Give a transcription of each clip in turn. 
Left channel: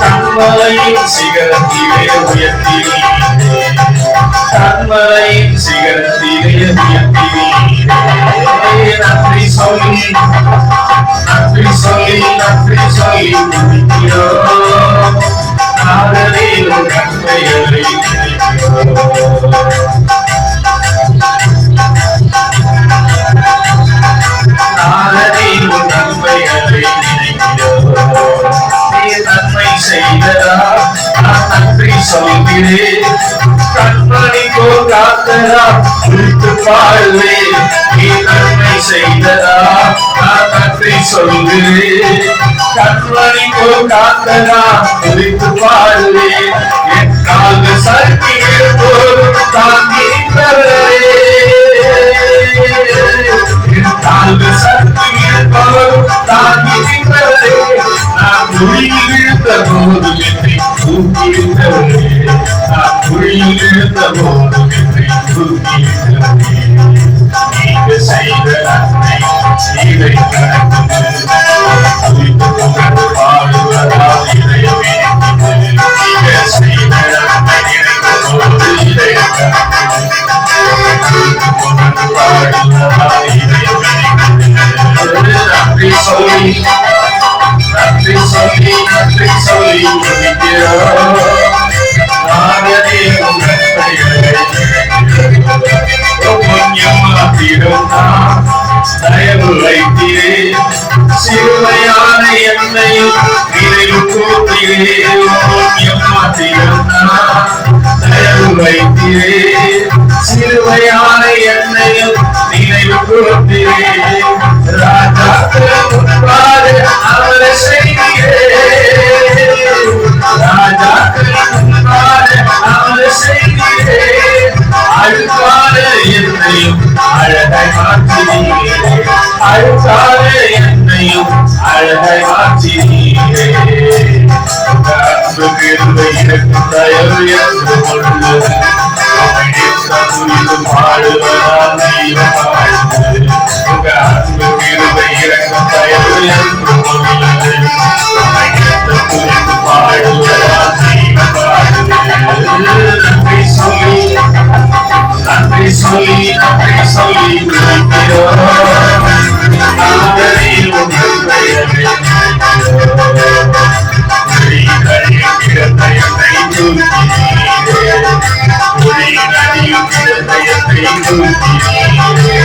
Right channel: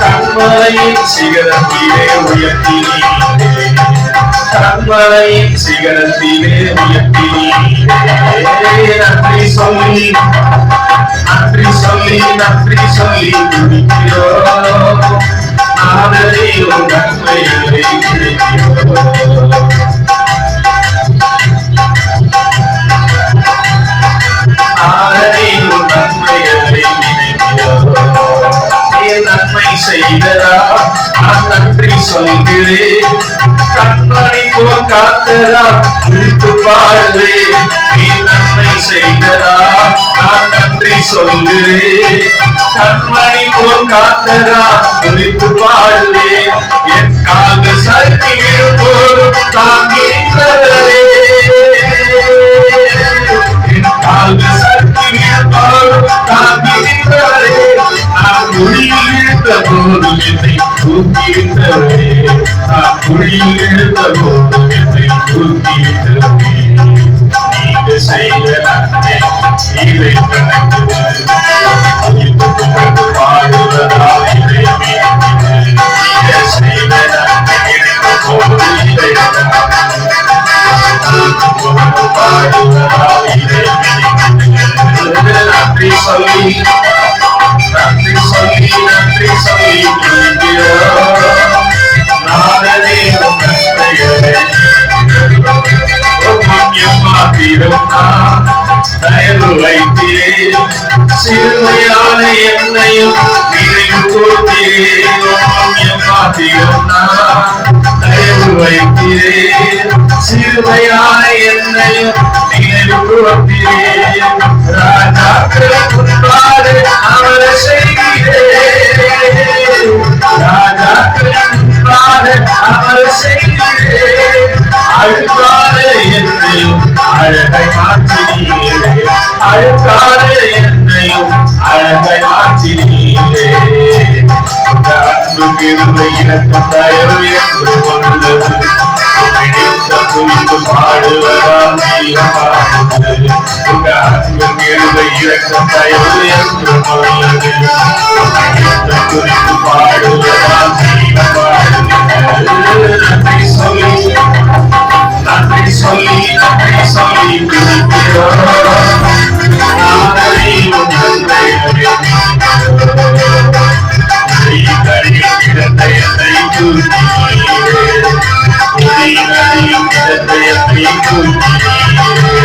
கண்மலையின் சிகரத்திலே உயர்த்தினீரே, கண்மலையின் சிகரத்திலே உயர்த்தினீரே. நன்றி சொல்லி நன்றி சொல்லி நன்றி சொல்லி துதிக்கிறோம். ஆதரவில் நன்மைகளை நினைக்கிறோம். ஆதரவில் நன்மைகளை நினைக்கிறோம். நன்மை செய்தரா நான் நன்றி சொல்கிறேன். கண்மணி போல் காத்தரா விழித்து பாடுவேன். நீ நன்மை செய்தரா நான் நன்றி சொல்கிறேன். கண்மணி போல் காத்தரா விழித்து பாடுவேன். என் கால்கள் சறுக்கிய போதும் தாங்கின்றவரே, என் கால்கள் சறுக்கிய போதும் தாங்கின்றவரே. நான் குழியில் இருந்த போதும் என்னை தூக்கியிருந்தவரே, நான் குழியில் இருந்த போதும் என்னை தூக்கியிருந்தவரே. நீங்க செய்த நன்மை இதை கணக்கு குறித்து கொண்டு பாடுவதால் இதயமே நீங்க செய்த நன்மை நினைத்த போது இதை குறித்து கொண்டு பாடுவதால் இதயமே நன்றி சொல்லி நன்றி சொல்லி நன்றி சொல்லி நாடதேவும் நன்மைகளை தயவு வைத்தீரே. சிறுமையான என்னையும் நினைவு கூர்த்தீரே. தயவு வைத்தீரே. சிறுமையான என்னையும் நினைவு கூர்த்தீரே. ராஜாக்கள் முன்பாக அவரை செய்கிறேன். ராஜாக்கள் முன்பாக அவரை செய்கிறேன். அழுக்கார என்னையும் அழகை மாற்றினீரே. அழுக்கார என்னையும் அழகை மாற்றினீரே. அன்பு கிருபை எனக்கு தயவு என்று கொண்டது. குறித்து பாடுவதால் நீளமானது. உங்க அன்பு கிருபை எனக்கு தயவு என்று கொண்டது. குறித்து பாடுவதால் நீளமானது. நன்றி சொல்லி நன்றி சொல்லி நன்றி சொல்லி துதிக்கிறோம். ஆதரவும் நன்மைகளை கிடந்தயத்தை தூக்கினீரே. கிடந்தயத்தை தூக்கினீரே.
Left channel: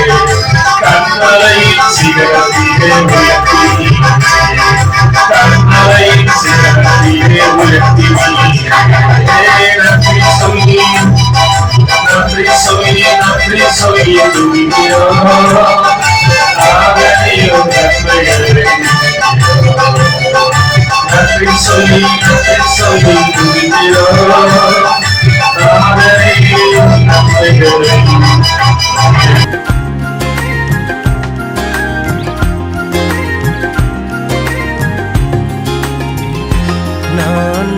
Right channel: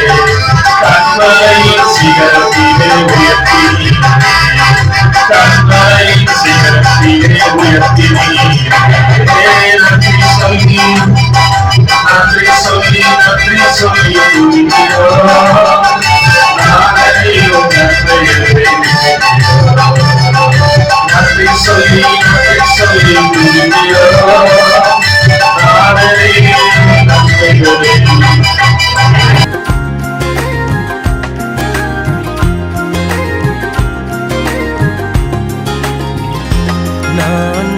கண்மலையின் சிகரத்திலே உயர்த்தினீரே. கண்மலையின் சிகரத்திலே உயர்த்தினீரே. நன்றி சொல்லி நன்றி சொல்லி நன்றி சொல்லி துதிக்கிறோம். ஆதரவும் நன்மைகளை நன்றி சொல்லி நன்றி சொல்லி துதிக்கிறோம். ஆதரவும் நன்மைகளை நான்